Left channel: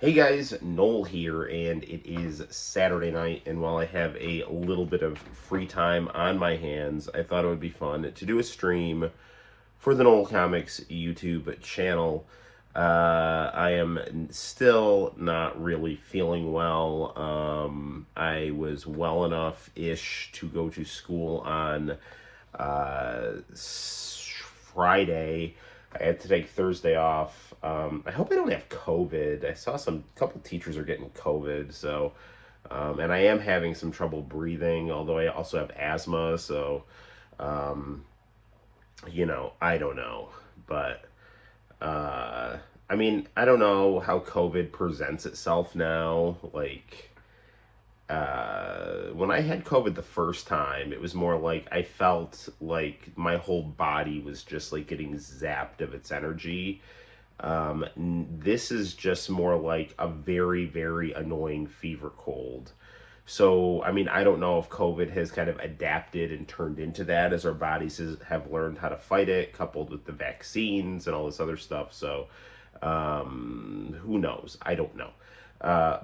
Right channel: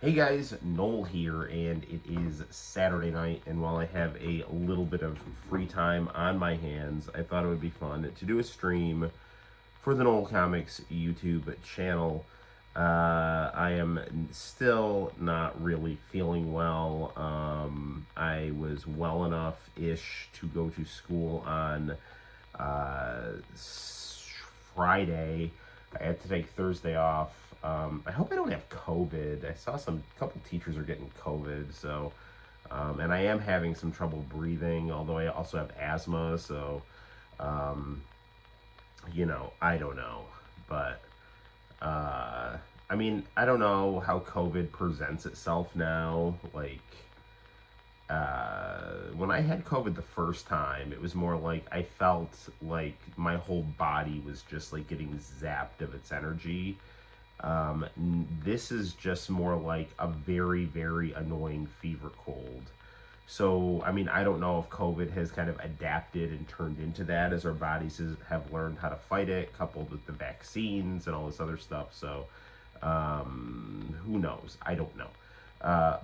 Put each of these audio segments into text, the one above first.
Hey guys, Noel here, and it is Saturday night, and while I have a little bit of free time on my hands, I thought it would be fun to do a stream for the Noel ComiX YouTube channel. I am still not really feeling well. I was well enough-ish to go to school on Friday. I had to take Thursday off. I hope I don't have COVID. I saw couple teachers are getting COVID, so and I am having some trouble breathing. Although I also have asthma, so I don't know, but I mean, I don't know how COVID presents itself now. When I had COVID the first time, it was more like I felt like my whole body was just like getting zapped of its energy. This is just more like a very, very annoying fever cold. So, I mean, I don't know if COVID has kind of adapted and turned into that as our bodies have learned how to fight it, coupled with the vaccines and all this other stuff. So, who knows? I don't know.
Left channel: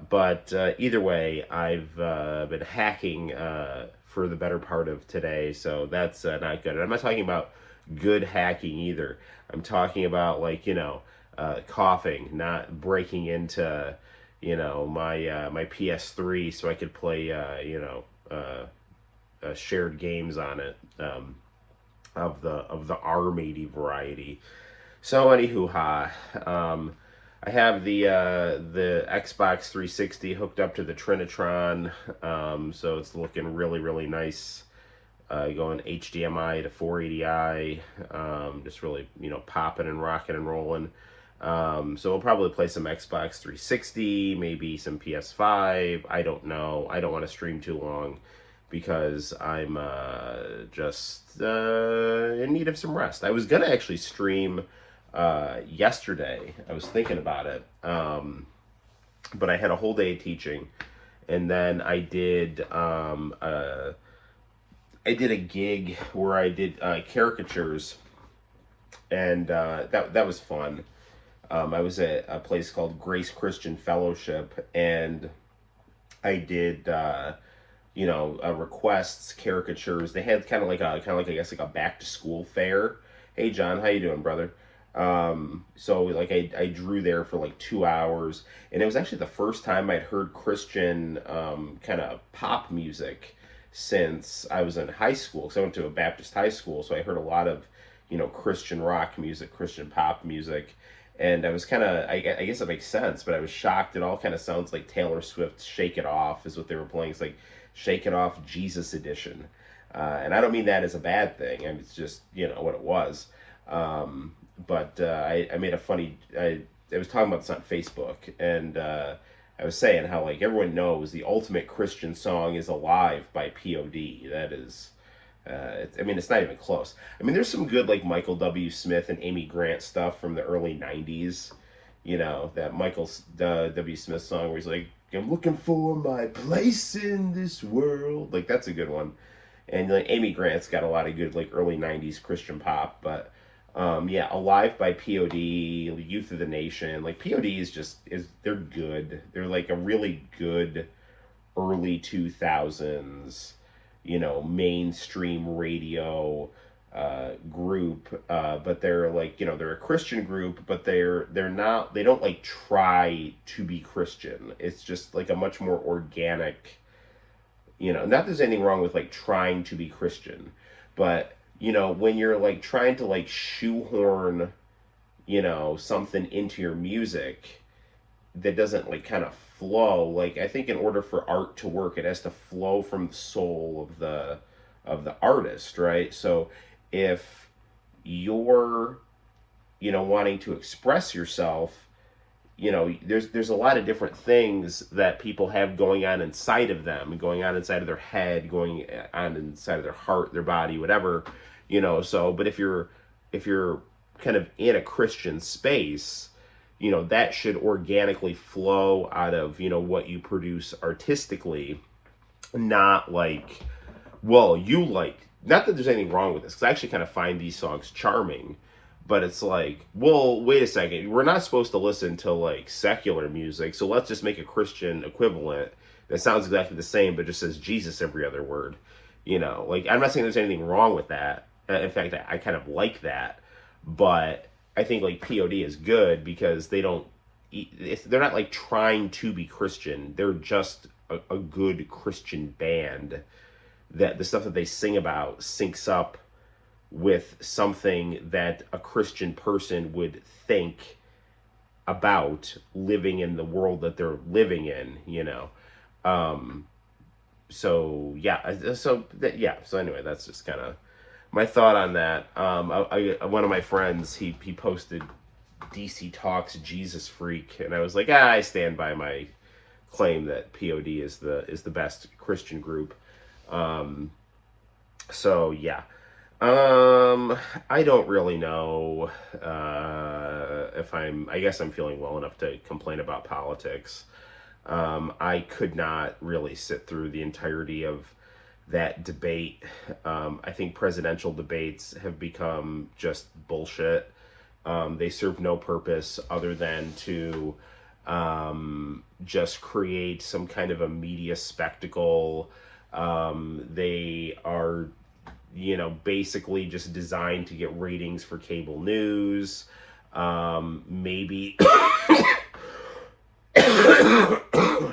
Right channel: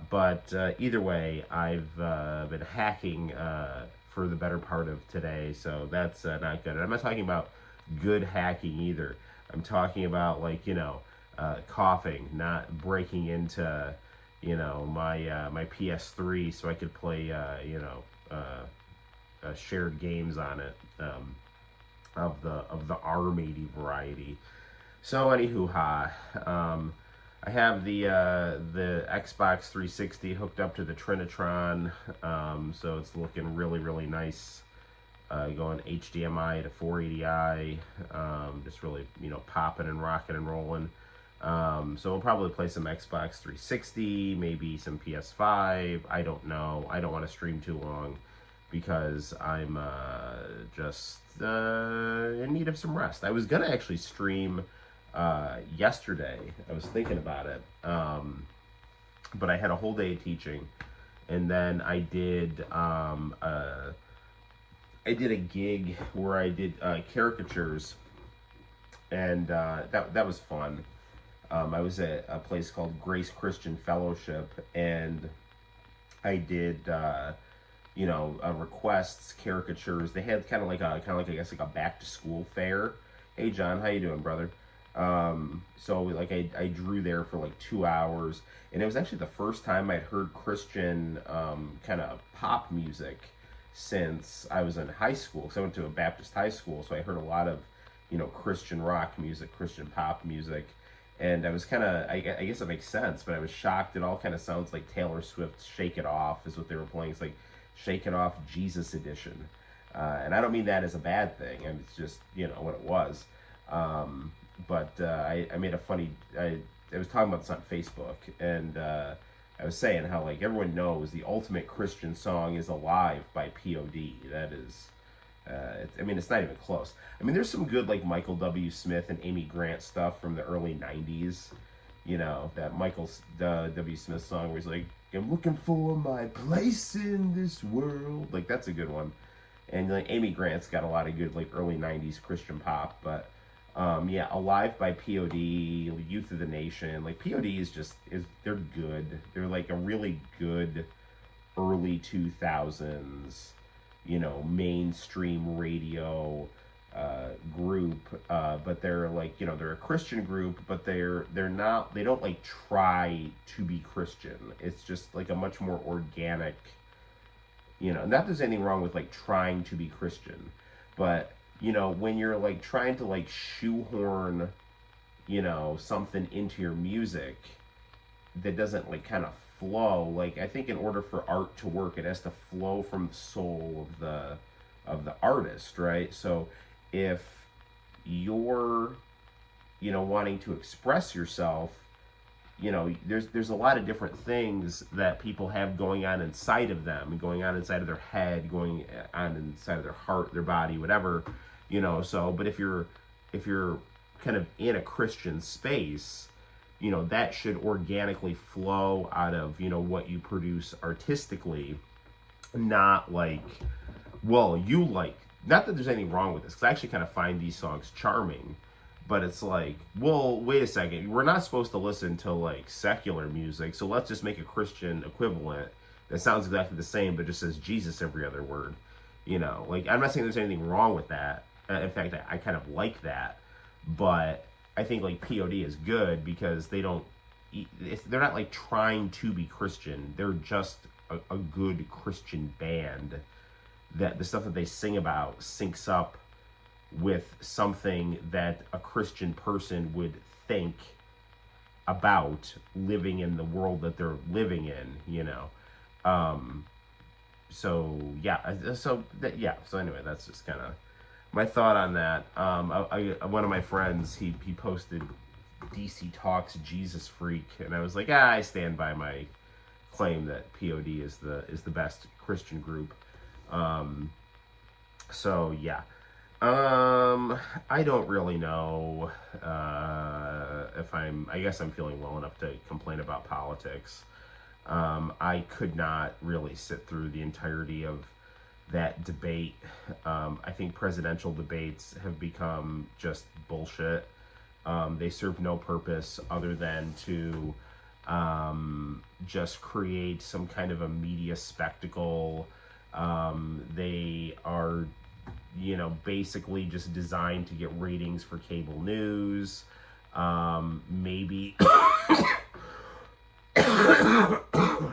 But either way, I've been hacking for the better part of today, so that's not good. And I'm not talking about good hacking either. I'm talking about, like, coughing, not breaking into, my PS3 so I could play, shared games on it, of the ARM80 variety. So anywho, I have the Xbox 360 hooked up to the Trinitron, so it's looking really, really nice. Going HDMI to 480i, just really, popping and rocking and rolling. So we'll probably play some Xbox 360, maybe some PS5. I don't know. I don't want to stream too long because I'm just in need of some rest. I was gonna actually stream yesterday. I was thinking about it, but I had a whole day of teaching, and then I did a gig where I did caricatures, and that was fun. I was at a place called Grace Christian Fellowship, and I did requests, caricatures. They had kind of like I guess like a back to school fair. Hey John, how you doing, brother? So like I drew there for like 2 hours, and it was actually the first time I'd heard Christian kind of pop music since I was in high school, because I went to a Baptist high school, so I heard a lot of Christian rock music, Christian pop music, and I was kind of, I guess it makes sense, but I was shocked. It all kind of sounds like Taylor Swift's "Shake It Off" is what they were playing. It's like "Shake It Off Jesus Edition," and I don't mean that as a bad thing. I mean, it's just what it was. But I made a funny. I was talking about this on Facebook, and I was saying how, like, everyone knows the ultimate Christian song is "Alive" by pt1. That is, it's not even close. I mean, there's some good, like, Michael W. Smith and Amy Grant stuff from the early '90s. That Michael W. Smith song where he's like, "I'm looking for my place in this world." Like, that's a good one. And like Amy Grant's got a lot of good, like, early '90s Christian pop, but. Yeah, "Alive" by pt1, Youth of the Nation. Like, pt1 they're good. They're like a really good early 2000s, mainstream radio group. But they're like, they're a Christian group, but they don't like try to be Christian. It's just like a much more organic, not that there's anything wrong with like trying to be Christian, but when you're like trying to like shoehorn, something into your music that doesn't like kind of flow. Like, I think in order for art to work, it has to flow from the soul of the artist, right? So if you're, wanting to express yourself, there's a lot of different things that people have going on inside of them, going on inside of their head, going on inside of their heart, their body, whatever, so, but if you're kind of in a Christian space, that should organically flow out of, what you produce artistically, not like, well, not that there's anything wrong with this, because I actually kind of find these songs charming, But it's like, well, wait a second. We're not supposed to listen to like secular music, so let's just make a Christian equivalent that sounds exactly the same, but just says Jesus every other word. You know, like I'm not saying there's anything wrong with that. In fact, I kind of like that, but I think like POD is good because they're not like trying to be Christian. They're just a good Christian band that the stuff that they sing about syncs up with something that a Christian person would think about living in the world that they're living in, you know. So anyway, that's just kind of my thought on that. One of my friends, he posted DC Talks Jesus Freak, and I was like, I stand by my claim that POD is the best Christian group. So yeah. I don't really know I guess I'm feeling well enough to complain about politics. I could not really sit through the entirety of that debate. I think presidential debates have become just bullshit. They serve no purpose other than to just create some kind of a media spectacle. They are, you know, basically just designed to get ratings for cable news. Maybe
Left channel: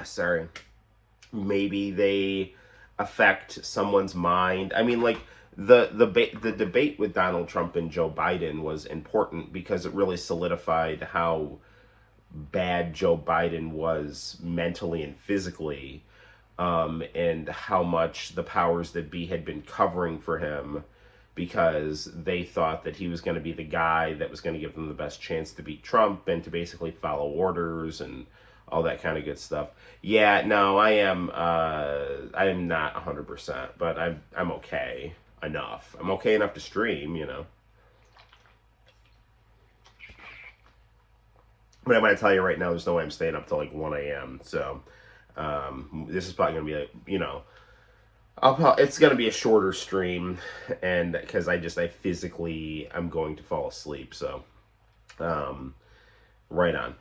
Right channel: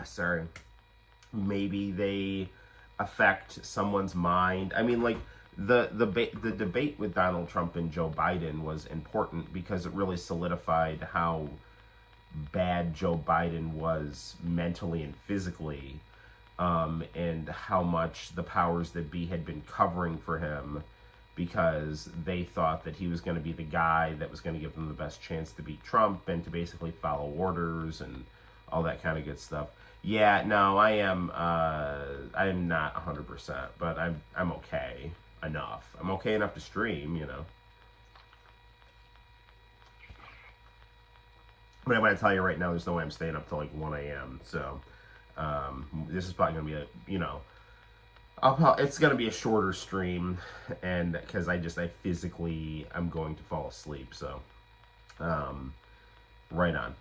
sorry, maybe they affect someone's mind. I mean, like the debate with Donald Trump and Joe Biden was important because it really solidified how bad Joe Biden was mentally and physically, and how much the powers that be had been covering for him because they thought that he was going to be the guy that was going to give them the best chance to beat Trump and to basically follow orders and all that kind of good stuff. Yeah, no, I am not 100%, but I'm okay enough. I'm okay enough to stream, you know. But I'm going to tell you right now, there's no way I'm staying up till like 1 a.m. So, this is probably going to be you know, it's going to be a shorter stream, and because I physically, I'm going to fall asleep. So, right on.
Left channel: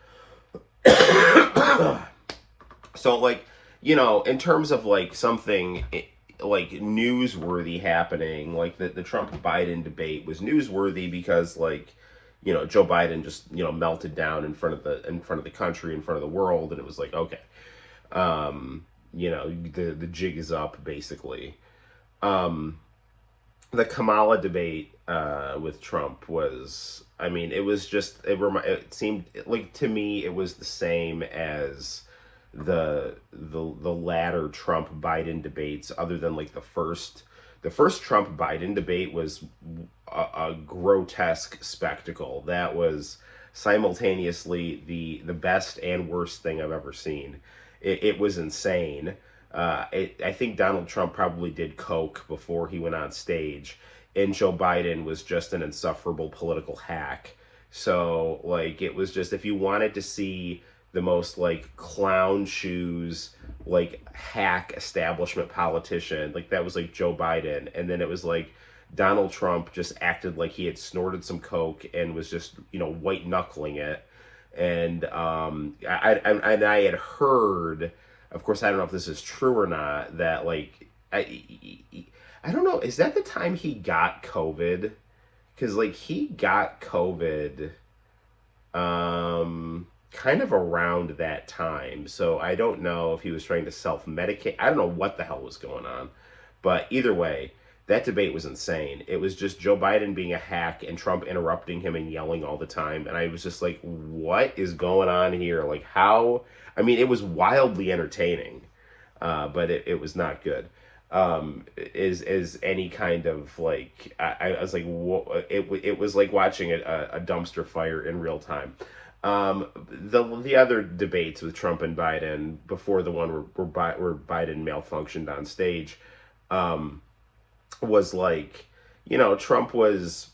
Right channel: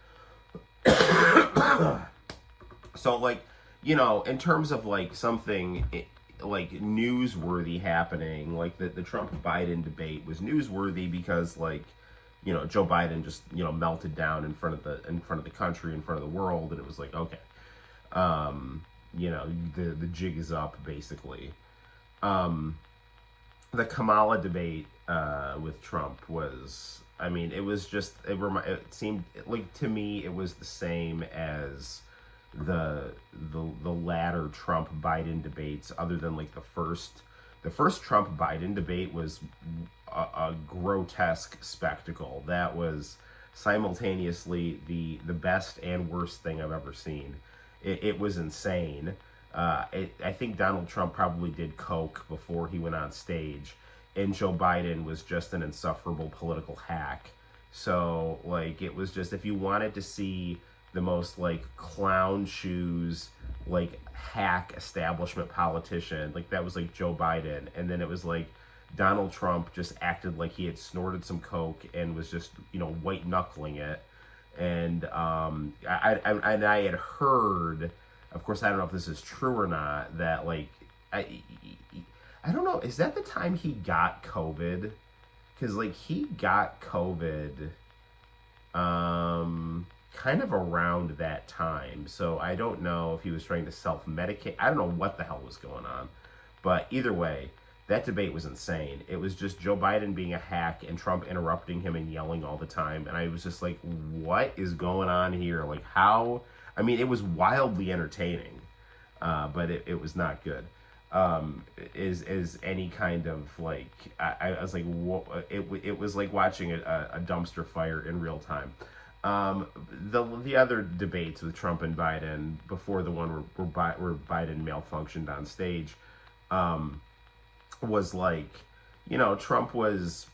So, like, you know, in terms of like something like newsworthy happening, like the Trump-Biden debate was newsworthy because, like, you know, Joe Biden just, you know, melted down in front of the country, in front of the world, and it was like, okay, you know, the jig is up, basically. The Kamala debate with Trump was, I mean, it was just, it seemed like, to me, it was the same as the latter Trump Biden debates, other than like the first Trump Biden debate was a grotesque spectacle. That was simultaneously the best and worst thing I've ever seen. It was insane. I think Donald Trump probably did coke before he went on stage, and Joe Biden was just an insufferable political hack. So, like, it was just, if you wanted to see the most, like, clown shoes, like, hack establishment politician, like, that was, like, Joe Biden. And then it was, like, Donald Trump just acted like he had snorted some coke and was just, you know, white-knuckling it. And I had heard, of course, I don't know if this is true or not, that, like, I don't know, is that the time he got COVID? Because, like, he got COVID kind of around that time. So I don't know if he was trying to self-medicate. I don't know what the hell was going on. But either way, that debate was insane. It was just Joe Biden being a hack and Trump interrupting him and yelling all the time. And I was just like, what is going on here? Like, how? I mean, it was wildly entertaining, but it was not good. Is any kind of, like, I was like, it was like watching a dumpster fire in real time. The other debates with Trump and Biden before the one where Biden malfunctioned on stage, was like, you know, Trump was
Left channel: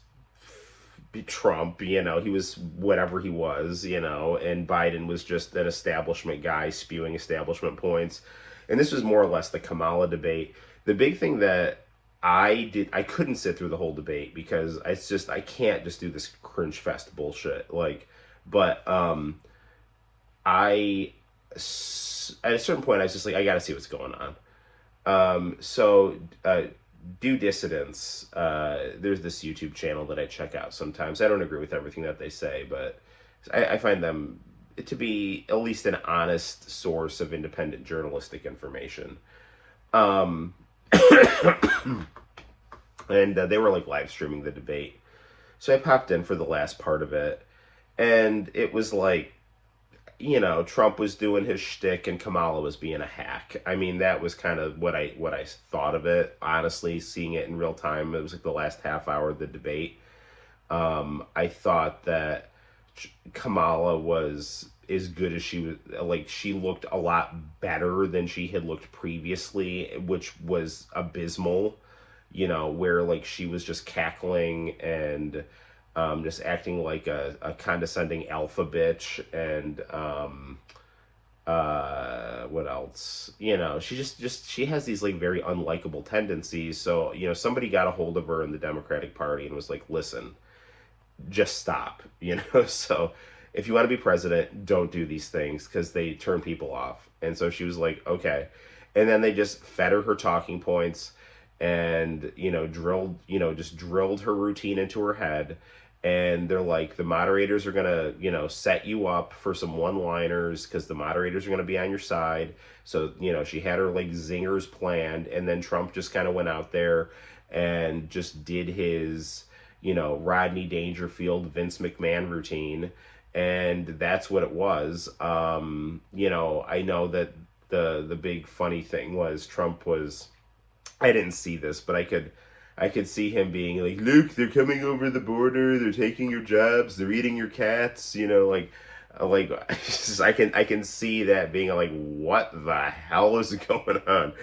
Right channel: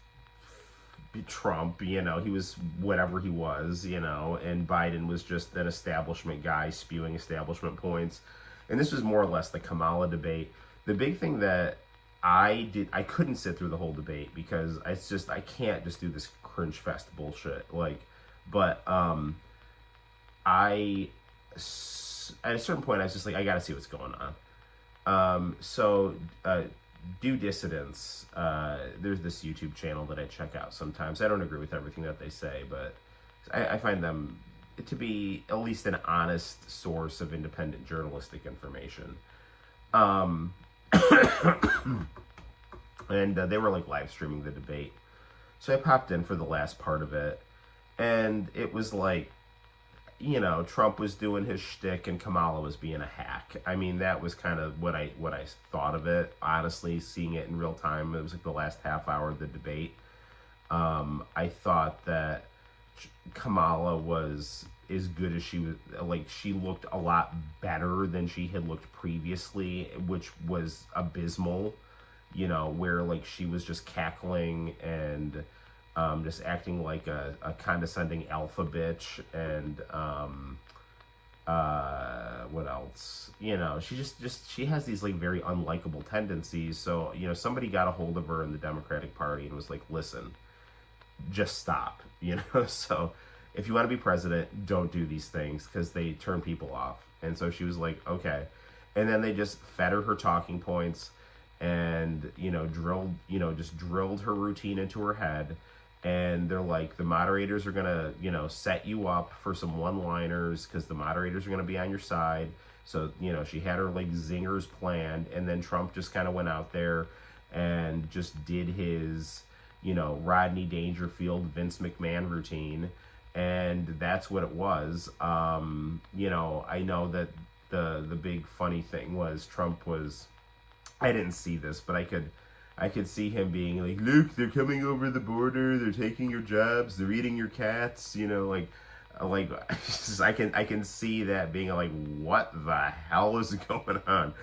Trump, you know, he was whatever he was, you know, and Biden was just an establishment guy spewing establishment points. And this was more or less the Kamala debate. The big thing that I couldn't sit through the whole debate because I can't just do this cringe fest bullshit. Like, but I at a certain point I was just like, I gotta see what's going on. So Due Dissidence, there's this YouTube channel that I check out sometimes. I don't agree with everything that they say, but I find them to be at least an honest source of independent journalistic information. And they were like live streaming the debate. So I popped in for the last part of it, and it was like, you know, Trump was doing his shtick and Kamala was being a hack. I mean, that was kind of what I thought of it. Honestly, seeing it in real time, it was like the last half hour of the debate. I thought that Kamala was as good as she was. Like, she looked a lot better than she had looked previously, which was abysmal. You know, where like she was just cackling and just acting like a condescending alpha bitch, and what else? You know, she has these like very unlikable tendencies. So, you know, somebody got a hold of her in the Democratic Party and was like, listen, just stop, you know? So if you want to be president, don't do these things because they turn people off. And so she was like, okay. And then they just fed her talking points and, you know, just drilled her routine into her head. And they're like, the moderators are going to, you know, set you up for some one-liners because the moderators are going to be on your side. So, you know, she had her like zingers planned. And then Trump just kind of went out there and just did his, you know, Rodney Dangerfield, Vince McMahon routine. And that's what it was. You know, I know that the big funny thing was Trump was, I didn't see this, but I could see him being like, look, they're coming over the border, they're taking your jobs, they're eating your cats, you know, like I can see that being like, what the hell is going on?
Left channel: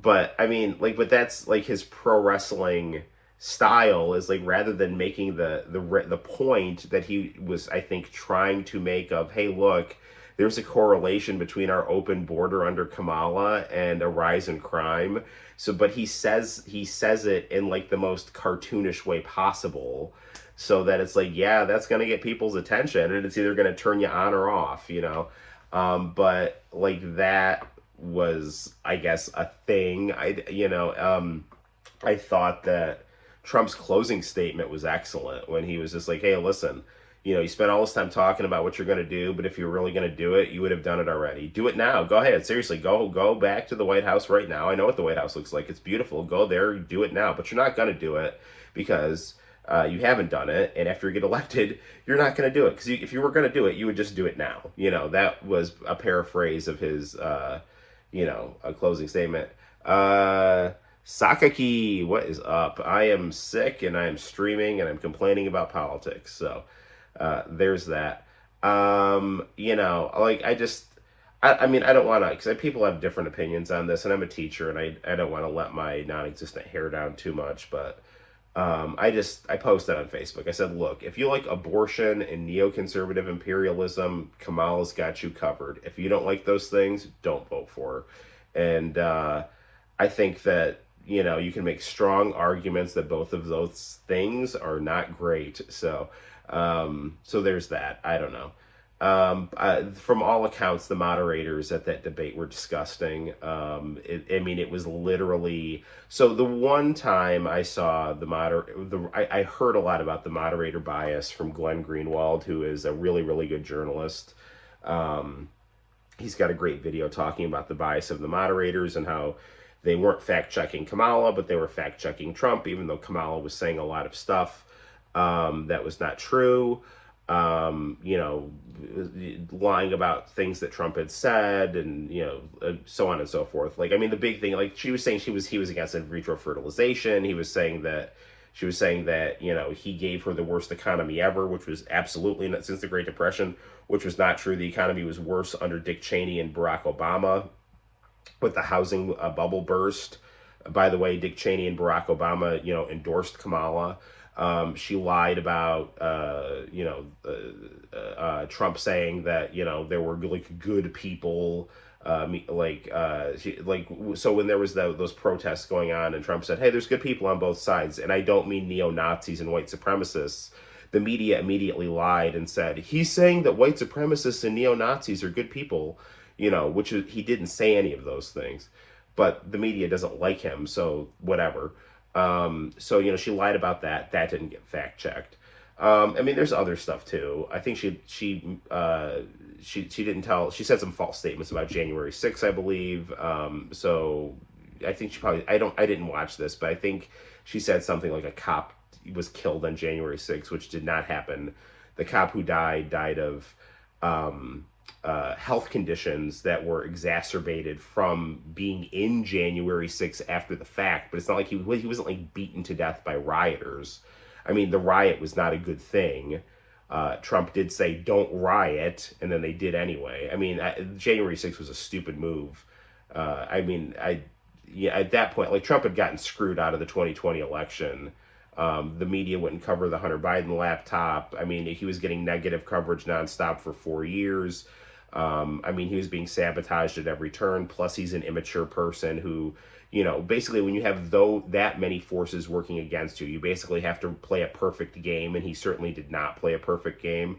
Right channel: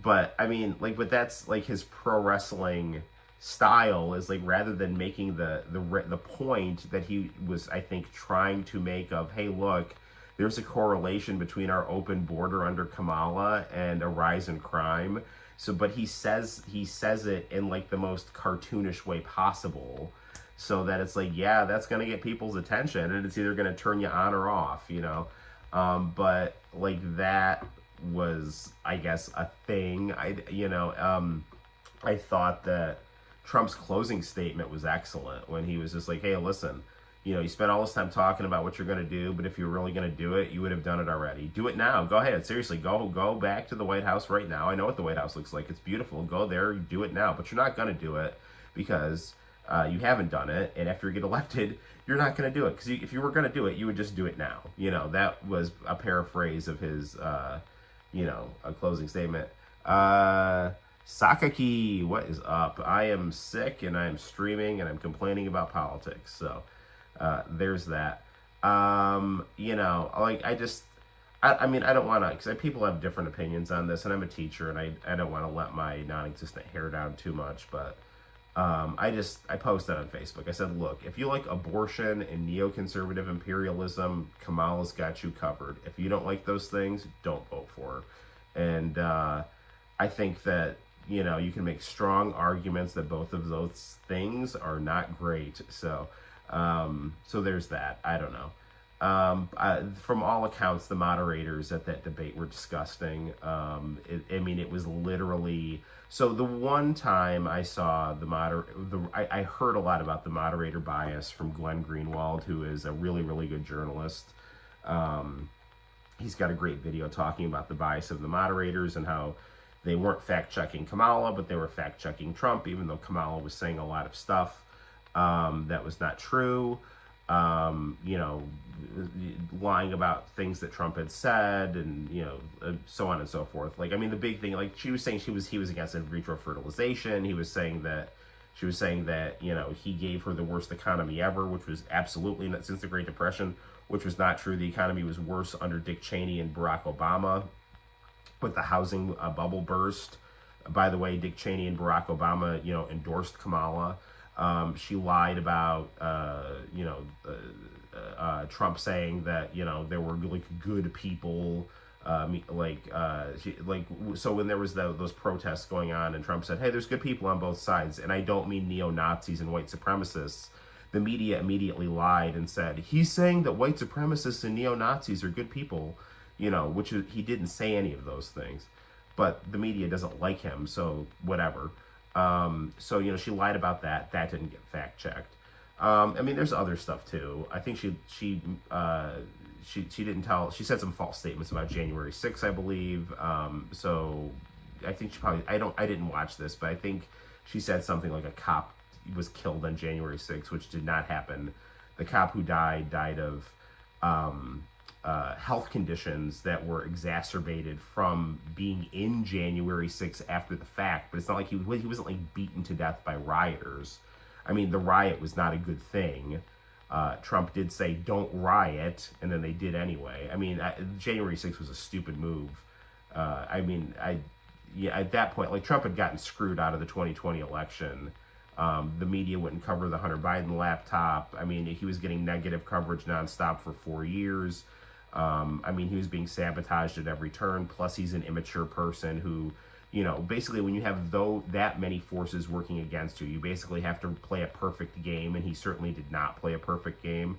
But I mean, like, but that's like his pro wrestling style is like, rather than making the point that he was, I think, trying to make of, hey, look, there's a correlation between our open border under Kamala and a rise in crime. So, but he says it in like the most cartoonish way possible, so that it's like, yeah, that's gonna get people's attention, and it's either gonna turn you on or off, you know. But like, that was, I guess, a thing. I thought that Trump's closing statement was excellent when he was just like, hey, listen, you know, you spent all this time talking about what you're going to do, but if you're really going to do it, you would have done it already. Do it now. Go ahead. Seriously, go back to the White House right now. I know what the White House looks like. It's beautiful. Go there, do it now. But you're not going to do it because you haven't done it. And after you get elected, you're not going to do it. Because if you were going to do it, you would just do it now. You know, that was a paraphrase of his, you know, a closing statement. Sakaki, what is up? I am sick and I am streaming and I'm complaining about politics. So there's that. You know, like, I mean, I don't want to, because people have different opinions on this, and I'm a teacher, and I don't want to let my non-existent hair down too much, but I posted on Facebook. I said, look, if you like abortion and neoconservative imperialism, Kamala's got you covered. If you don't like those things, don't vote for her. And I think that, you know, you can make strong arguments that both of those things are not great. So there's that. I don't know. From all accounts, the moderators at that debate were disgusting. It was literally, so the one time I saw I heard a lot about the moderator bias from Glenn Greenwald, who is a really, really good journalist. He's got a great video talking about the bias of the moderators and how they weren't fact-checking Kamala, but they were fact-checking Trump, even though Kamala was saying a lot of stuff that was not true. You know, lying about things that Trump had said, and, you know, so on and so forth. Like, I mean, the big thing, like, she was saying he was against in vitro fertilization. She was saying that, you know, he gave her the worst economy ever, which was absolutely not, since the Great Depression, which was not true. The economy was worse under Dick Cheney and Barack Obama, with the housing bubble burst. By the way, Dick Cheney and Barack Obama, you know, endorsed Kamala. She lied about, you know, Trump saying that, you know, there were like good people So when there was those protests going on, and Trump said, "Hey, there's good people on both sides," and I don't mean neo Nazis and white supremacists. The media immediately lied and said he's saying that white supremacists and neo Nazis are good people, which is, he didn't say any of those things, but the media doesn't like him, so whatever. So she lied about that. That didn't get fact checked. I mean, there's other stuff too. I think she didn't tell. She said some false statements about January 6th, I believe. So I think she probably. I didn't watch this, but I think she said something like a cop was killed on January 6th, which did not happen. The cop who died of health conditions that were exacerbated from being in January 6th after the fact. But it's not like he wasn't like beaten to death by rioters. I mean, the riot was not a good thing. Trump did say, don't riot, and then they did anyway. I mean, January 6th was a stupid move. At that point, like, Trump had gotten screwed out of the 2020 election. The media wouldn't cover the Hunter Biden laptop. I mean, he was getting negative coverage nonstop for 4 years. He was being sabotaged at every turn. Plus, he's an immature person who, basically when you have that many forces working against you, you basically have to play a perfect game, and he certainly did not play a perfect game.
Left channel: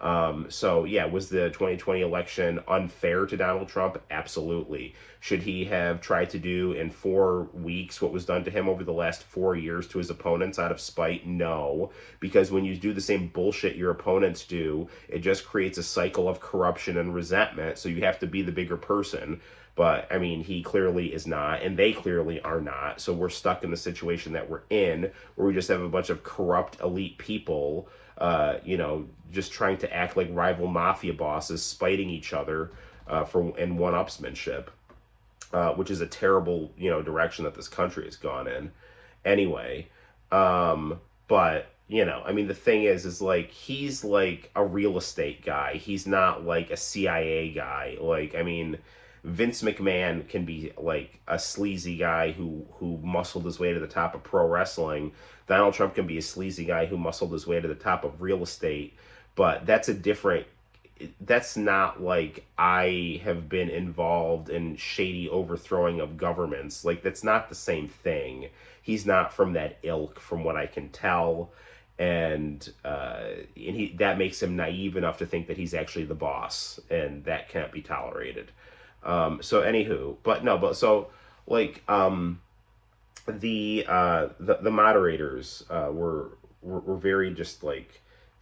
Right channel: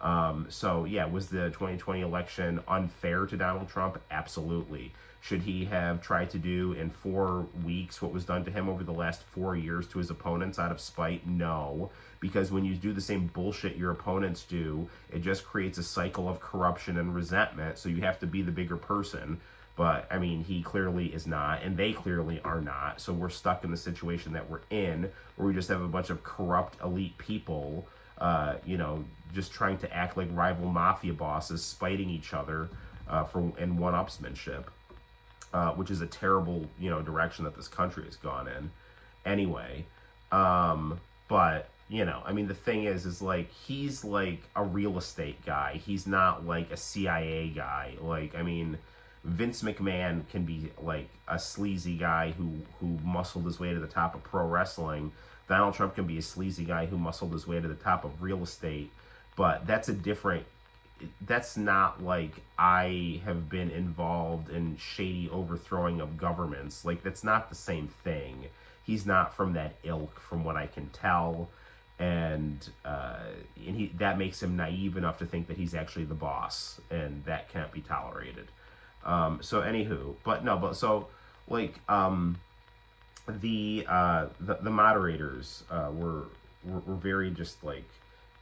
Was the 2020 election unfair to Donald Trump? Absolutely. Should he have tried to do in 4 weeks what was done to him over the last 4 years to his opponents out of spite? No, because when you do the same bullshit your opponents do, it just creates a cycle of corruption and resentment, so you have to be the bigger person. But, I mean, he clearly is not, and they clearly are not. So we're stuck in the situation that we're in, where we just have a bunch of corrupt elite people, just trying to act like rival mafia bosses, spiting each other in one-upsmanship, which is a terrible, direction that this country has gone in. Anyway, but, the thing is like, he's like a real estate guy. He's not like a CIA guy. Vince McMahon can be like a sleazy guy who muscled his way to the top of pro wrestling. Donald Trump can be a sleazy guy who muscled his way to the top of real estate. But that's not like I have been involved in shady overthrowing of governments. Like, that's not the same thing. He's not from that ilk, from what I can tell. And that makes him naive enough to think that he's actually the boss, and that can't be tolerated. The moderators were very just like,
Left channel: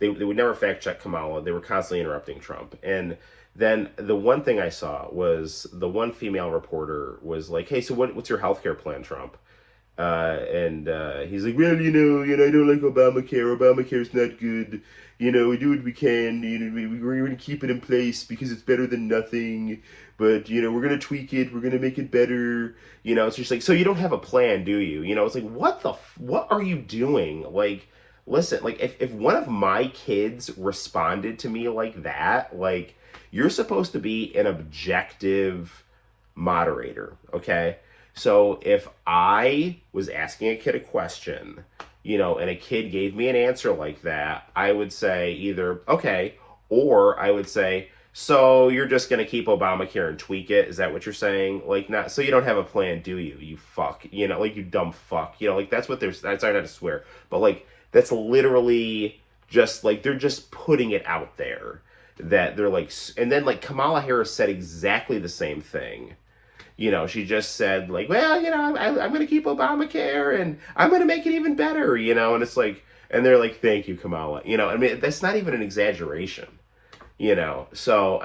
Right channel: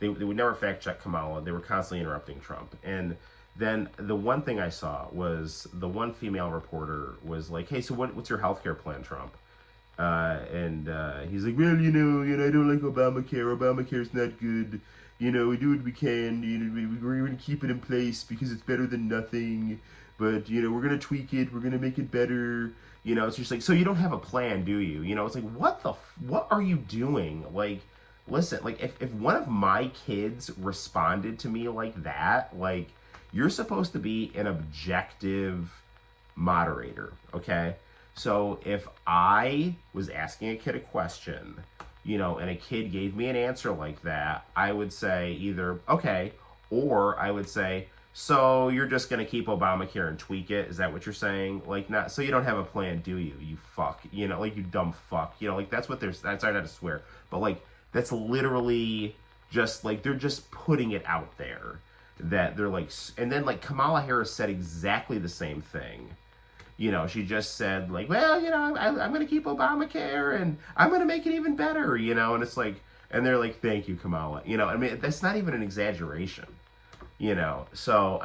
they would never fact check Kamala. They were constantly interrupting Trump. And then the one thing I saw was the one female reporter was like, "Hey, so what's your healthcare plan, Trump?" He's like, "Well, I don't like Obamacare. Obamacare's not good. We do what we can. We're going to keep it in place because it's better than nothing. But, we're going to tweak it. We're going to make it better." It's just like, so you don't have a plan, do you? It's like, what are you doing? Like, listen, like, if one of my kids responded to me like that, like, you're supposed to be an objective moderator, okay? So if I was asking a kid a question, and a kid gave me an answer like that, I would say either, okay, or I would say, so you're just going to keep Obamacare and tweak it? Is that what you're saying? Like, not, so you don't have a plan, do you? You fuck, like, you dumb fuck, like, that's what sorry not to swear, but like, that's literally just like, they're just putting it out there that they're like, and then like Kamala Harris said exactly the same thing. She just said like, well, I'm going to keep Obamacare and I'm going to make it even better, and it's like, and they're like, thank you, Kamala. That's not even an exaggeration, So,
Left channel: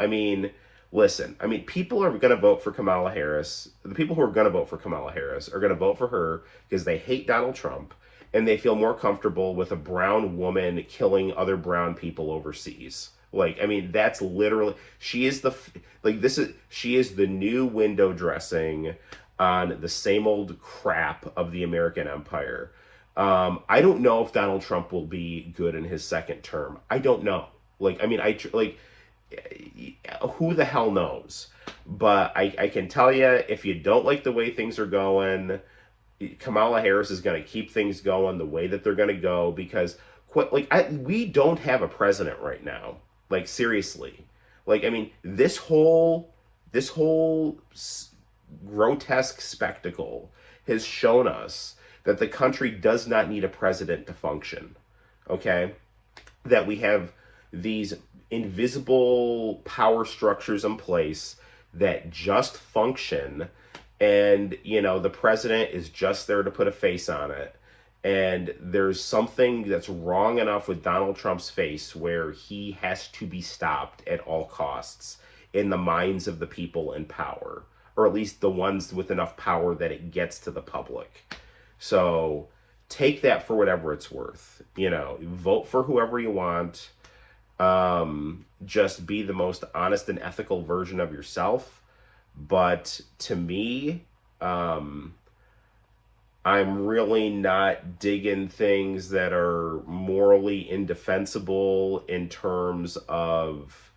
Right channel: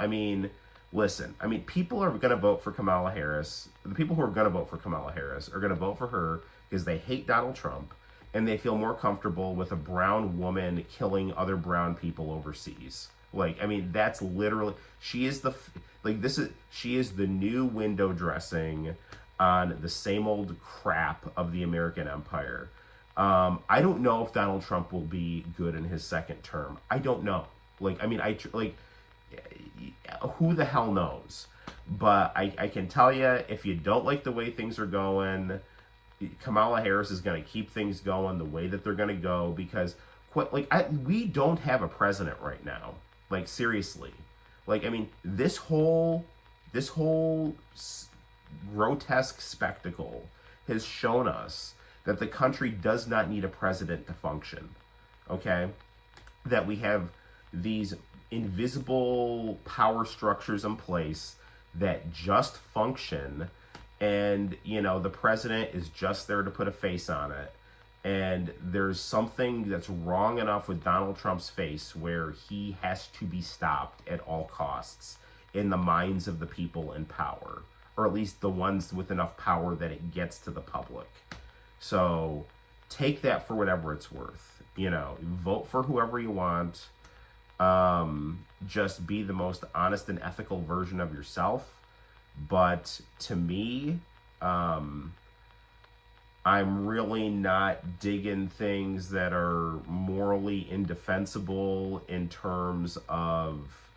listen, people are going to vote for Kamala Harris. The people who are going to vote for Kamala Harris are going to vote for her because they hate Donald Trump and they feel more comfortable with a brown woman killing other brown people overseas. Like, that's literally, she is the new window dressing on the same old crap of the American empire. I don't know if Donald Trump will be good in his second term. I don't know. Who the hell knows? But I can tell you, if you don't like the way things are going, Kamala Harris is going to keep things going the way that they're going to go, because we don't have a president right now. Like, seriously. Like, this whole this whole grotesque spectacle has shown us that the country does not need a president to function. Okay? That we have these invisible power structures in place that just function, and the president is just there to put a face on it. And there's something that's wrong enough with Donald Trump's face where he has to be stopped at all costs in the minds of the people in power, or at least the ones with enough power that it gets to the public. So take that for whatever it's worth. Vote for whoever you want. Just be the most honest and ethical version of yourself. But to me, I'm really not digging things that are morally indefensible in terms of,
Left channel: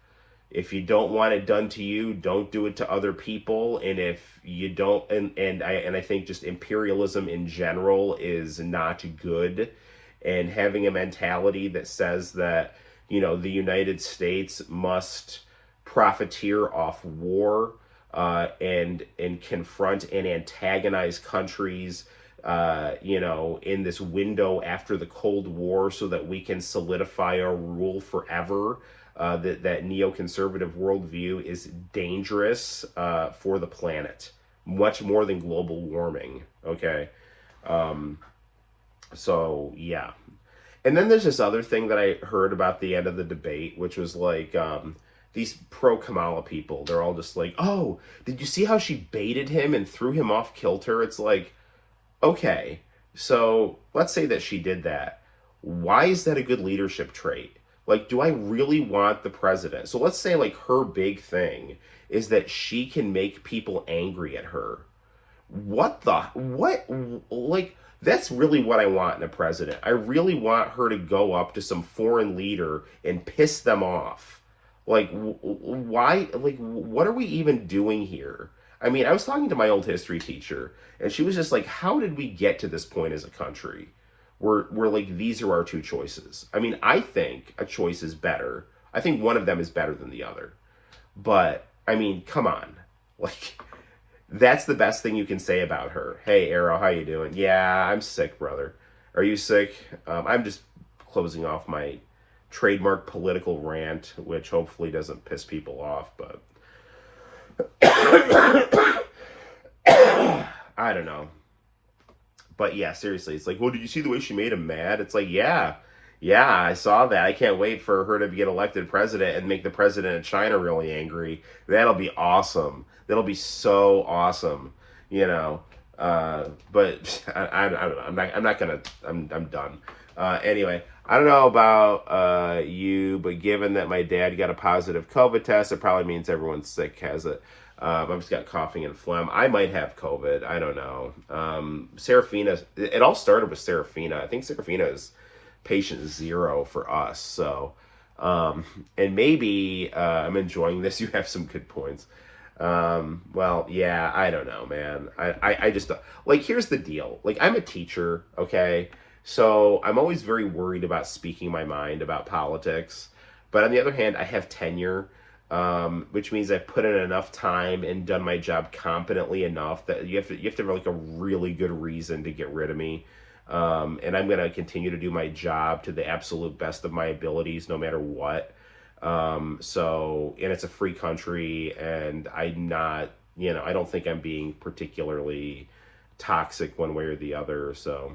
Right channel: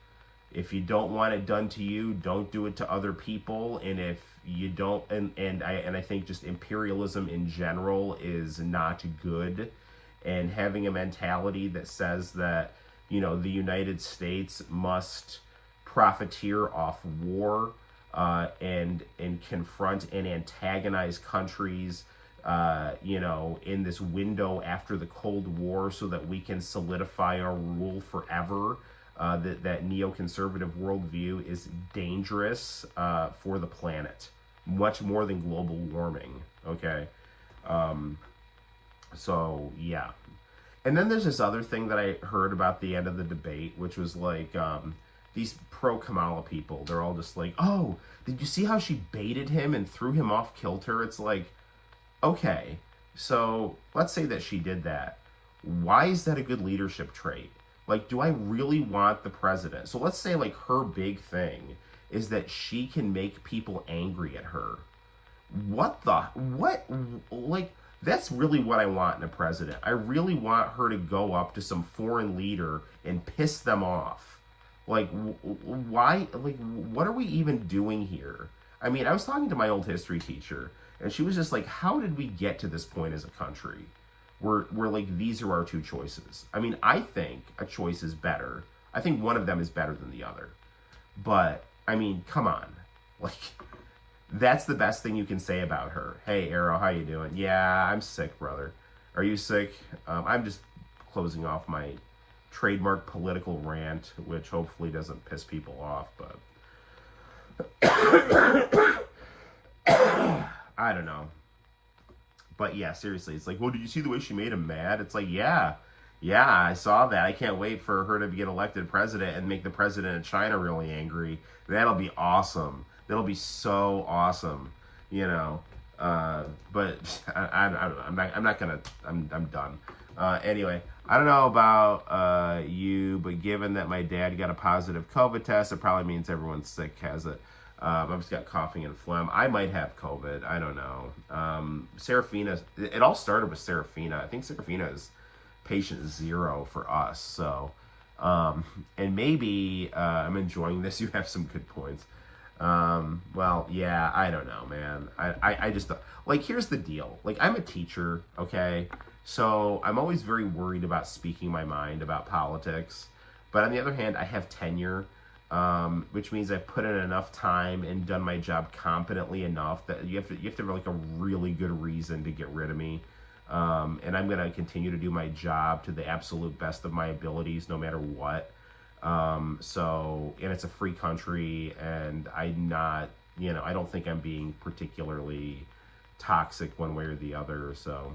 if you don't want it done to you, don't do it to other people. And if you don't, and I think just imperialism in general is not good. And having a mentality that says that, the United States must profiteer off war, and confront and antagonize countries, in this window after the Cold War so that we can solidify our rule forever. That neoconservative worldview is dangerous for the planet, much more than global warming. Okay, so yeah. And then there's this other thing that I heard about the end of the debate, which was like these pro-Kamala people. They're all just like, "Oh, did you see how she baited him and threw him off kilter?" It's like, okay, so let's say that she did that. Why is that a good leadership trait? Like, do I really want the president? So let's say like her big thing is that she can make people angry at her. What? Like, that's really what I want in a president. I really want her to go up to some foreign leader and piss them off. Like, why? Like, what are we even doing here? I mean, I was talking to my old history teacher, and she was just like, how did we get to this point as a country? We're like, these are our two choices. I mean, I think a choice is better. I think one of them is better than the other. But, I mean, come on. Like, that's the best thing you can say about her. Hey, Arrow, how you doing? Yeah, I'm sick, brother. Are you sick? I'm just closing off my trademark political rant, which hopefully doesn't piss people off, but I don't know. But yeah, seriously, it's like, well, did you see the way she made him mad? It's like, yeah, I saw that. I can't wait for her to get elected president and make the president of China really angry. That'll be awesome. That'll be so awesome, But I don't know. I'm done. Anyway, I don't know about you, but given that my dad got a positive COVID test, it probably means everyone sick has it. I've just got coughing and phlegm. I might have COVID. I don't know. Serafina, it all started with Serafina. I think Serafina is patient 0 for us. So, and maybe I'm enjoying this. You have some good points. Well, yeah, I don't know, man. I just, like, here's the deal. Like, I'm a teacher, okay? So I'm always very worried about speaking my mind about politics. But on the other hand, I have tenure. Which means I've put in enough time and done my job competently enough that you have to have like a really good reason to get rid of me. And I'm going to continue to do my job to the absolute best of my abilities, no matter what. And it's a free country, and I'm not, I don't think I'm being particularly toxic one way or the other. So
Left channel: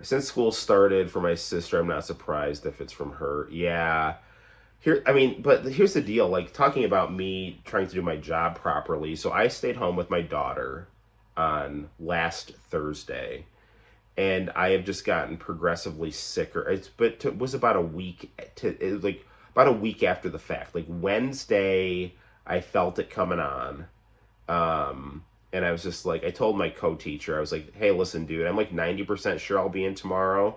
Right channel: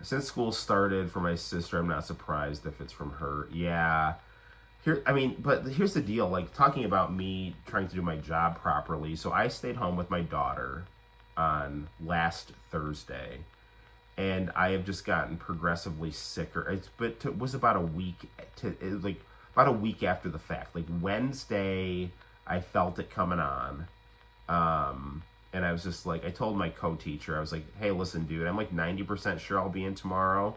since school started for my sister, I'm not surprised if it's from her. Yeah. But here's the deal, like, talking about me trying to do my job properly. So I stayed home with my daughter on last Thursday, and I have just gotten progressively sicker. It was about a week about a week after the fact. Like, Wednesday, I felt it coming on. And I was just like, I told my co-teacher, I was like, hey, listen, dude, I'm like 90% sure I'll be in tomorrow,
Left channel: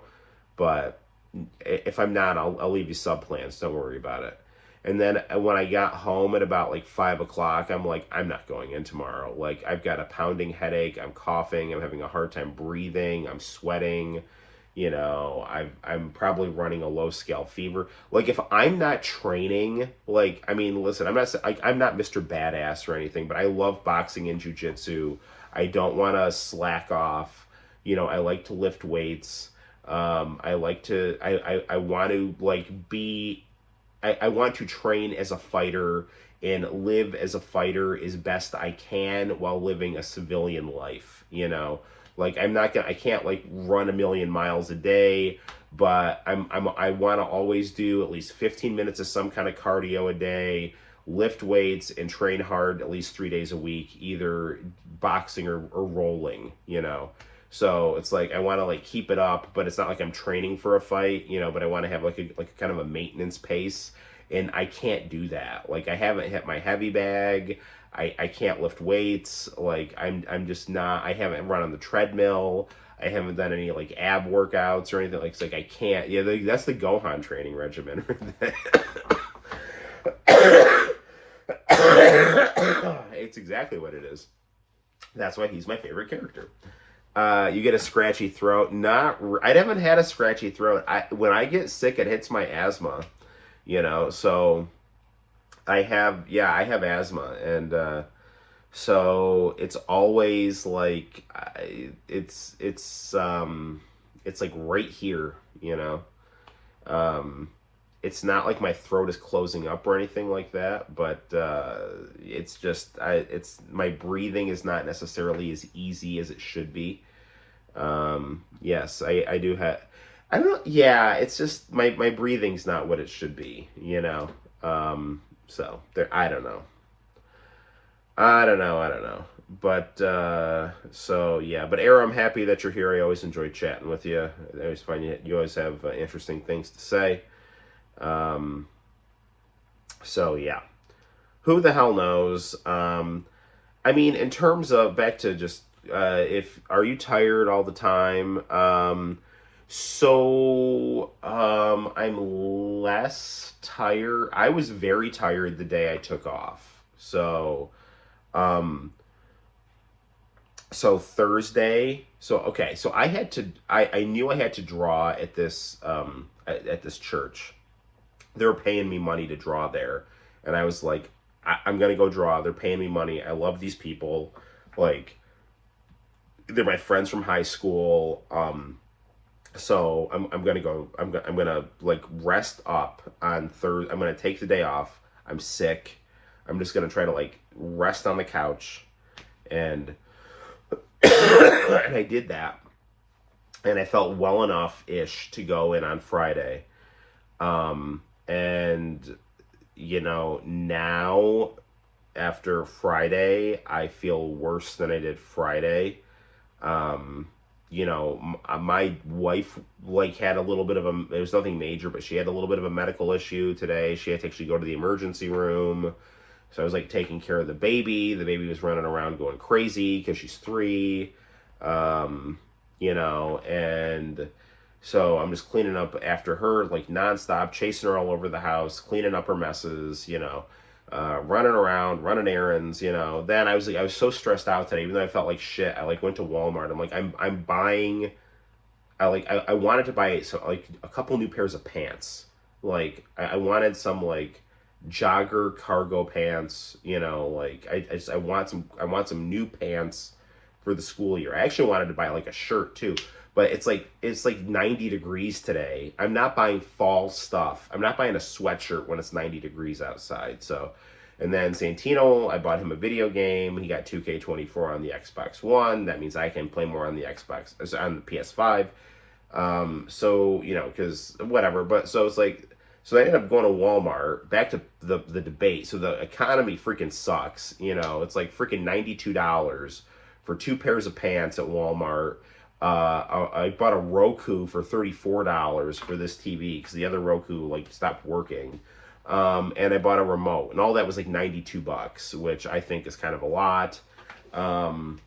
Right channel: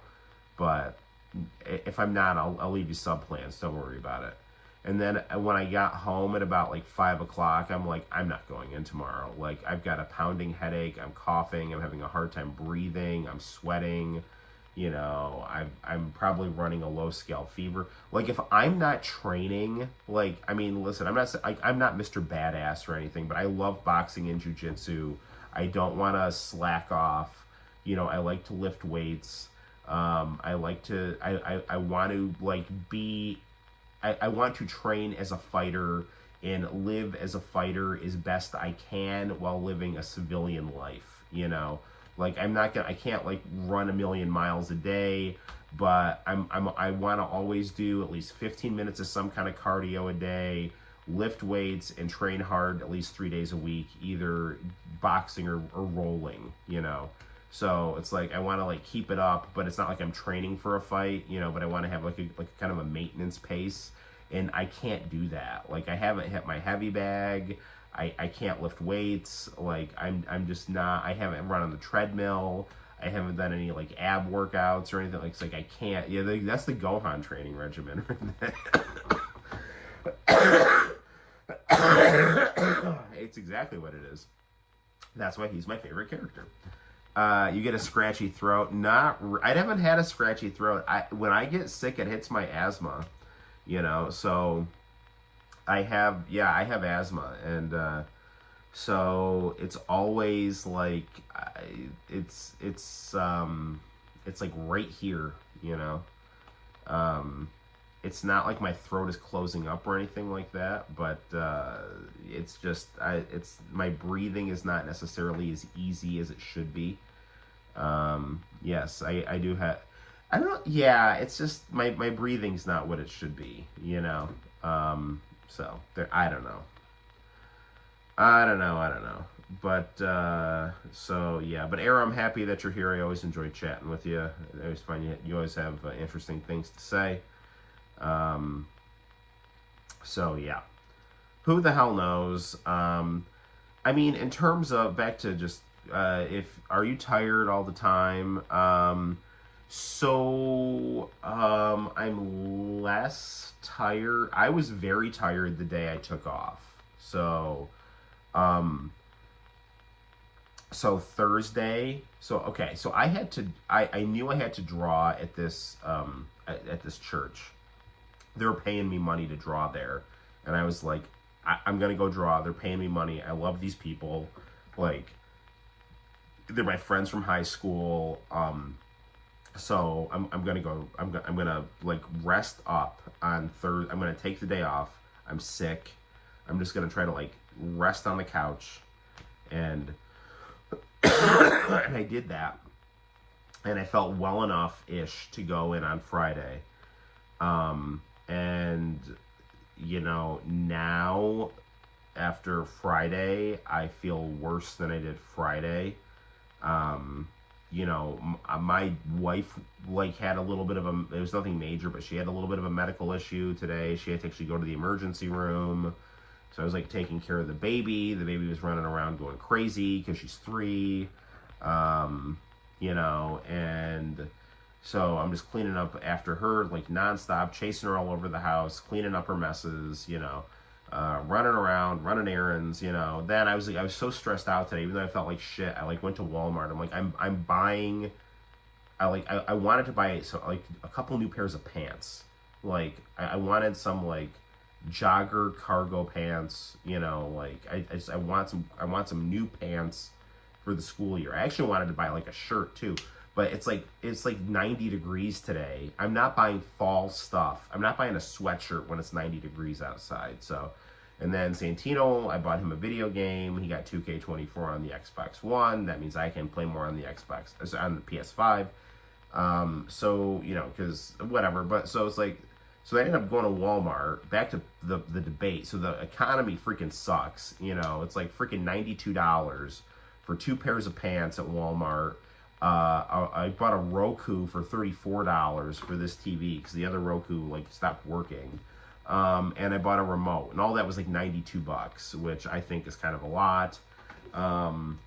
but if I'm not, I'll leave you sub-plans. Don't worry about it. And then when I got home at about like 5 o'clock, I'm like, I'm not going in tomorrow. Like, I've got a pounding headache. I'm coughing. I'm having a hard time breathing. I'm sweating. You know, I'm probably running a low scale fever. Like if I'm not training, like I mean, listen, I'm not Mr. Badass or anything, but I love boxing and jujitsu. I don't want to slack off. You know, I like to lift weights. I like to I want to like be I want to train as a fighter and live as a fighter as best I can while living a civilian life, you know. Like I can't like run a million miles a day, but I want to always do at least 15 minutes of some kind of cardio a day, lift weights and train hard at least 3 days a week, either boxing or rolling, you know. So it's like I want to like keep it up, but it's not like I'm training for a fight, you know, but I want to have like a kind of a maintenance pace, and I can't do that. Like I haven't hit my heavy bag. I can't lift weights. Like I'm just not. I haven't run on the treadmill. I haven't done any like ab workouts or anything. Like it's like I can't. Yeah, that's the Gohan training regimen. It's exactly what it is. That's why he's my favorite character. You get a scratchy throat. I haven't had a scratchy throat. When I get sick, it hits my asthma. You know, so I have asthma, and so it's always like it's like right here. You know, it's not like my throat is closing up or anything like that, but it's just my breathing is not necessarily as easy as it should be. Yes, I do have. I don't know. Yeah, it's just my breathing's not what it should be, you know. So there, I don't know. But so yeah. But Era, I'm happy that you're here. I always enjoy chatting with you. I always find you always have interesting things to say. So yeah. Who the hell knows? I mean, in terms of back to just are you tired all the time? I'm less tired. I was very tired the day I took off. So Thursday. Okay. So I knew I had to draw at this church. They were paying me money to draw there, and I was like, I'm gonna go draw. They're paying me money. I love these people. Like, they're my friends from high school. So I'm gonna go. I'm gonna like rest up on Thursday. I'm gonna take the day off. I'm sick. I'm just gonna try to like rest on the couch, and and I did that, and I felt well enough ish to go in on Friday. And you know, now after Friday, I feel worse than I did Friday. You know, my wife like had a little bit of it was nothing major, but she had a little bit of a medical issue today. She had to actually go to the emergency room. So I was like taking care of the baby. The baby was running around going crazy because she's 3. You know, and so I'm just cleaning up after her like nonstop, chasing her all over the house, cleaning up her messes, you know. Running around, running errands, you know. Then I was so stressed out today, even though I felt like shit. I like went to Walmart. I'm like, I'm buying. I wanted to buy like a couple new pairs of pants. Like I wanted some like jogger cargo pants. You know, like I want some new pants for the school year. I actually wanted to buy like a shirt too. But it's like 90 degrees today. I'm not buying fall stuff. I'm not buying a sweatshirt when it's 90 degrees outside. So, and then Santino, I bought him a video game. He got 2K24 on the Xbox One. That means I can play more on the on the PS5. So, you know, because whatever. But so it's like, so I ended up going to Walmart. Back to the debate. So the economy freaking sucks. You know, it's like freaking $92 for 2 pairs of pants at Walmart. I bought a Roku for $34 for this TV because the other Roku like stopped working, and I bought a remote, and all that was like $92, which I think is kind of a lot. But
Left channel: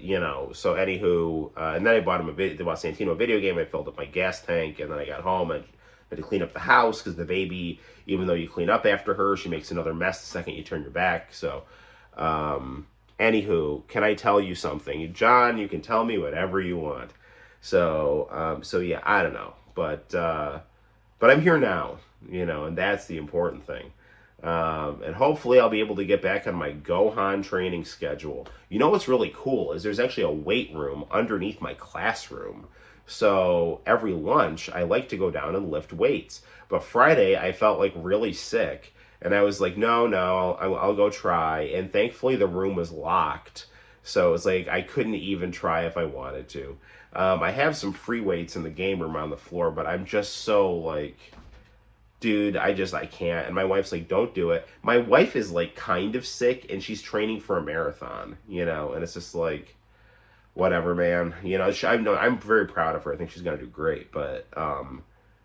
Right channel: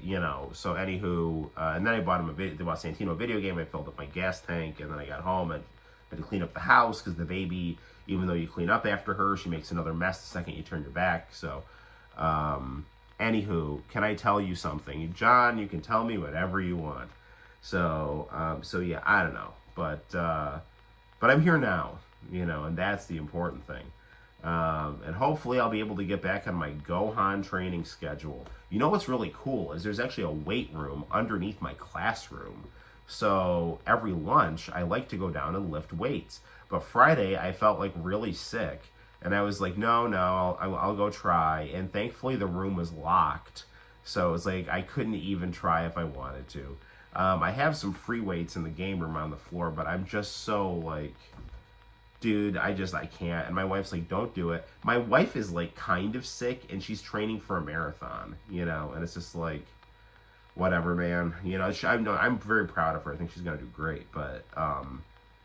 you know, so anywho, and then I bought Santino a video game. I filled up my gas tank, and then I got home and had to clean up the house because the baby, even though you clean up after her, she makes another mess the second you turn your back. So. Anywho, can I tell you something? John, you can tell me whatever you want. So yeah, I don't know, but I'm here now, and that's the important thing. And hopefully I'll be able to get back on my Gohan training schedule. You know what's really cool is there's actually a weight room underneath my classroom. So every lunch I like to go down and lift weights. But Friday I felt like really sick, and I was like, no, I'll go try. And thankfully the room was locked, so it's like I couldn't even try if I wanted to. I have some free weights in the game room on the floor, but I'm just so like, dude, I can't. And my wife's like, don't do it. My wife is like kind of sick and she's training for a marathon, and it's just like, whatever, man. I'm very proud of her. I think she's gonna do great, but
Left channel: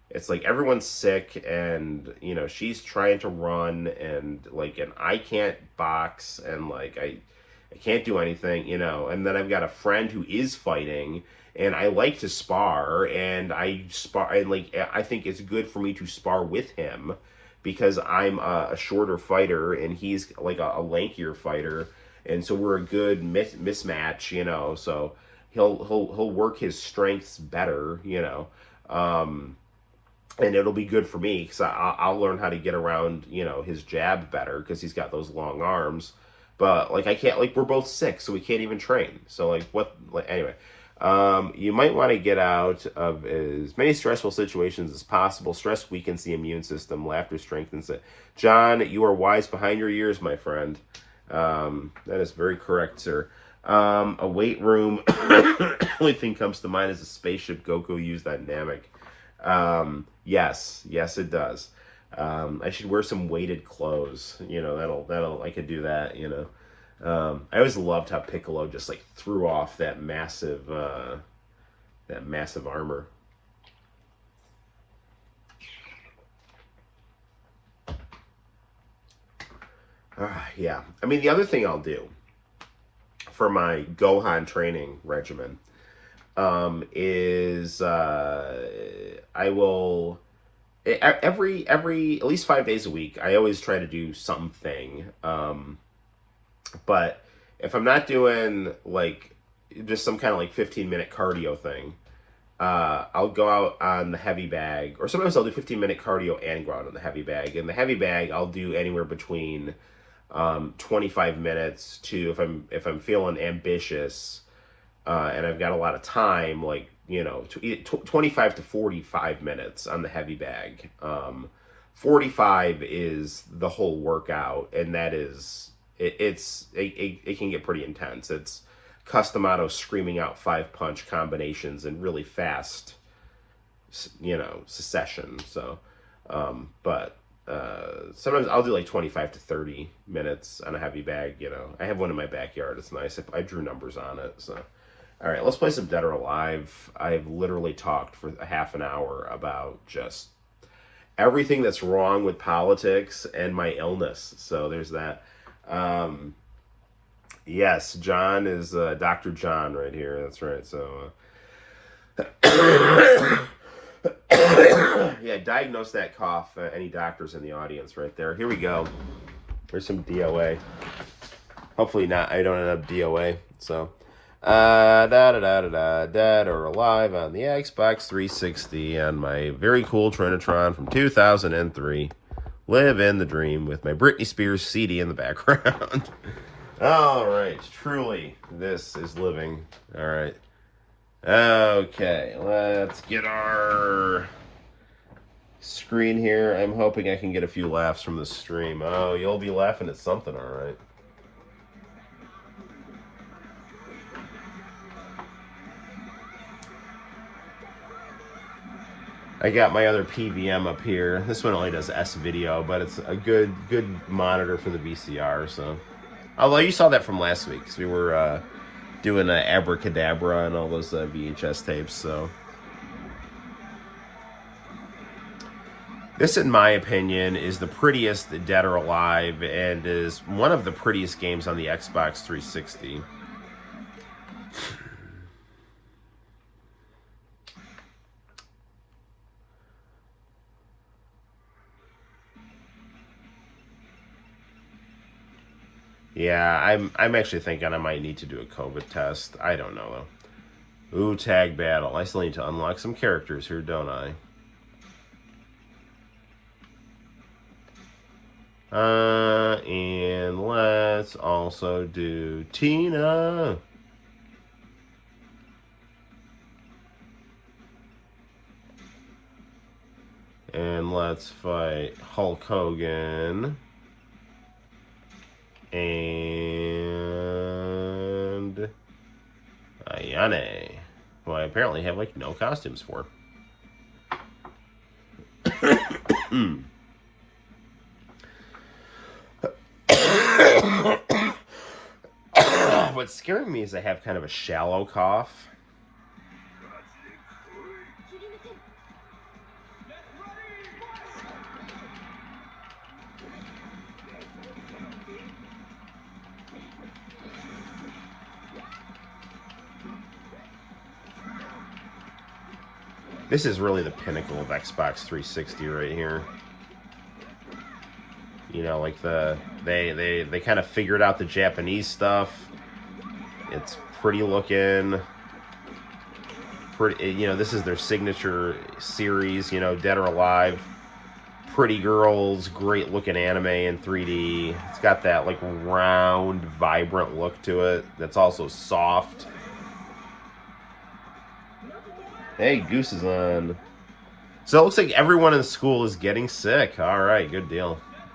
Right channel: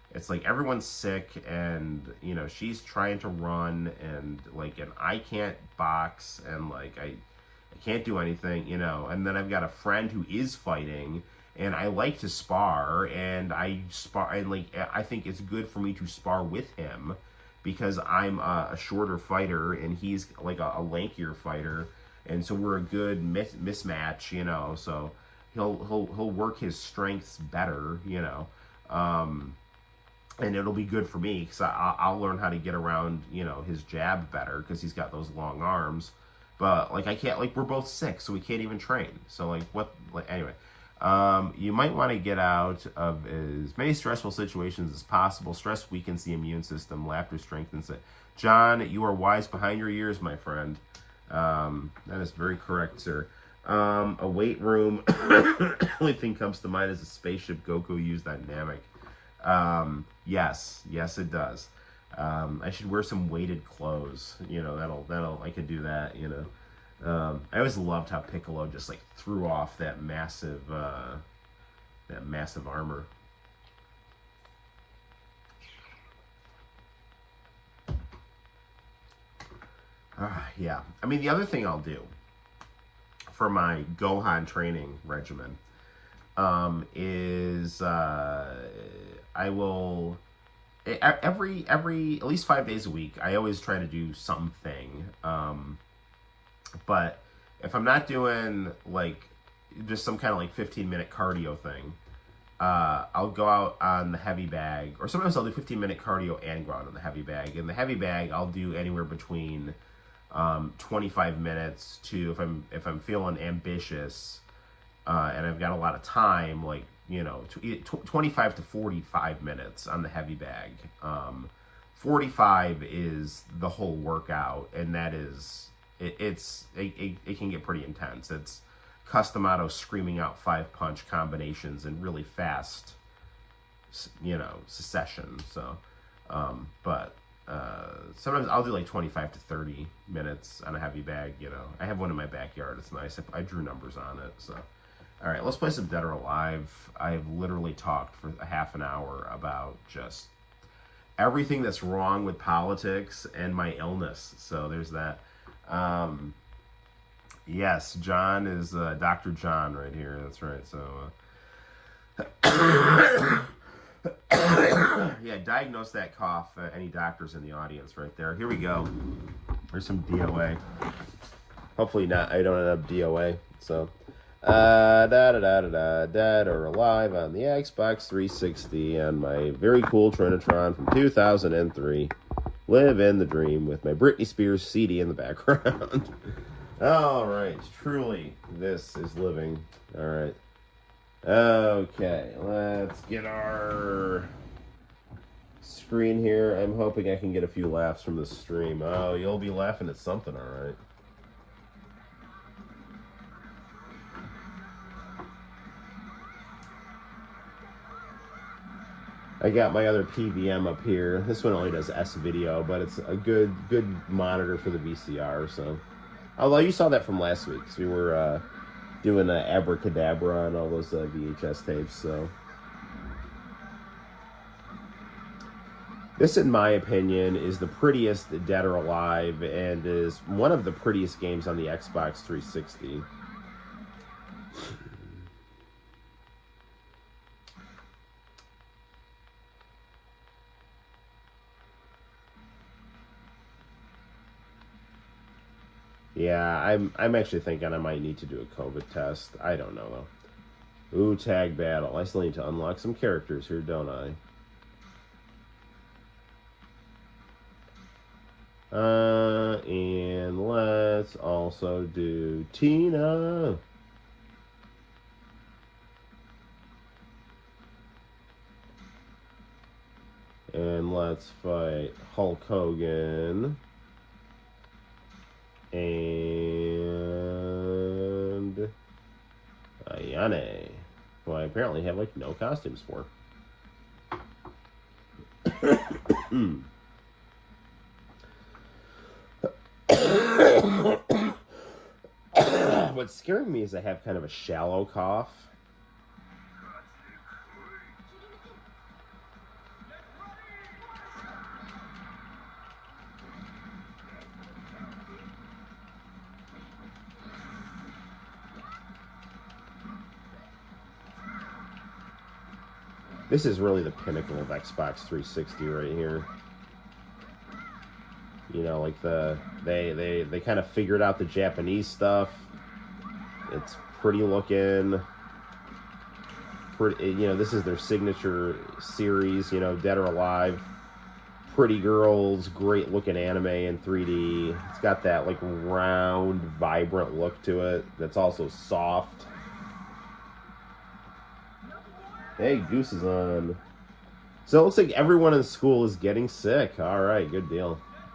it's like everyone's sick, and she's trying to run, and I can't box, and I can't do anything, and then I've got a friend who is fighting, and I like to spar, and I spar, and I think it's good for me to spar with him because I'm a shorter fighter and he's like a lankier fighter, and so we're a good mismatch, So he'll work his strengths better, and it'll be good for me because I'll learn how to get around, his jab better because he's got those long arms. But I can't, we're both sick, so we can't even train. So anyway. You might want to get out of as many stressful situations as possible. Stress weakens the immune system. Laughter strengthens it. John, you are wise behind your years, my friend. That is very correct, sir. A weight room. Only thing comes to mind is a spaceship Goku used that Namek. Yes, it does. I should wear some weighted clothes. That'll I could do that. I always loved how Piccolo just threw off that massive armor. Yeah, I mean the other thing I'll do for my Gohan training regimen is I will every at least 5 days a week. I always try to do something. But if I'm not doing just some kind of 15-minute cardio thing, I'll go out on the heavy bag, or sometimes I'll do 15-minute cardio and go out on the heavy bag. And the heavy bag, I'll do anywhere between 25 minutes to, if I'm feeling ambitious and I've got a lot of time, 25 to 45 minutes on the heavy bag. 45 is the whole workout, and that is. It can get pretty intense. It's custom auto screaming out 5-punch combinations and really fast, succession. So, but sometimes I'll do 25 to 30 minutes on a heavy bag. I have one in my backyard. It's nice. I drew numbers on it. So, all right, let's play some Dead or Alive. I've literally talked for a half an hour about just everything that's wrong with politics and my illness. So there's that. Yes, John is Dr. John right here. That's right. So, yeah, diagnose that cough. Any doctors in the audience right there. Here we go. There's some DOA. Hopefully not. I don't have DOA. So, Dead or Alive on the Xbox 360 on my very cool Trinitron from 2003. Live in the dream with my Britney Spears CD in the background. All right, truly, this is living. All right. Okay, let's get our screen here. I'm hoping I can get a few laughs from the stream. Oh, you'll be laughing at something, all right. I got my other PVM up here. This one only does S-video, but it's a good monitor for the VCR. So, although you saw that from last week, because we were doing Abracadabra and all those VHS tapes. So, this, in my opinion, is the prettiest Dead or Alive, and is one of the prettiest games on the Xbox 360. Yeah, I'm actually thinking I might need to do a COVID test. I don't know though. Ooh, tag battle. I still need to unlock some characters here, don't I? And let's also do Tina. And let's fight Hulk Hogan. And Ayane, who I apparently have like no costumes for. What's scaring me is I have kind of a shallow cough. This is really the pinnacle of Xbox 360 right here. You know, like they kind of figured out the Japanese stuff. It's pretty looking. Pretty, you know, this is their signature series. You know, Dead or Alive. Pretty girls, great looking anime in 3D. It's got that like round, vibrant look to it. That's also soft. Hey, Goose is on. So it looks like everyone in the school is getting sick. All right, good deal.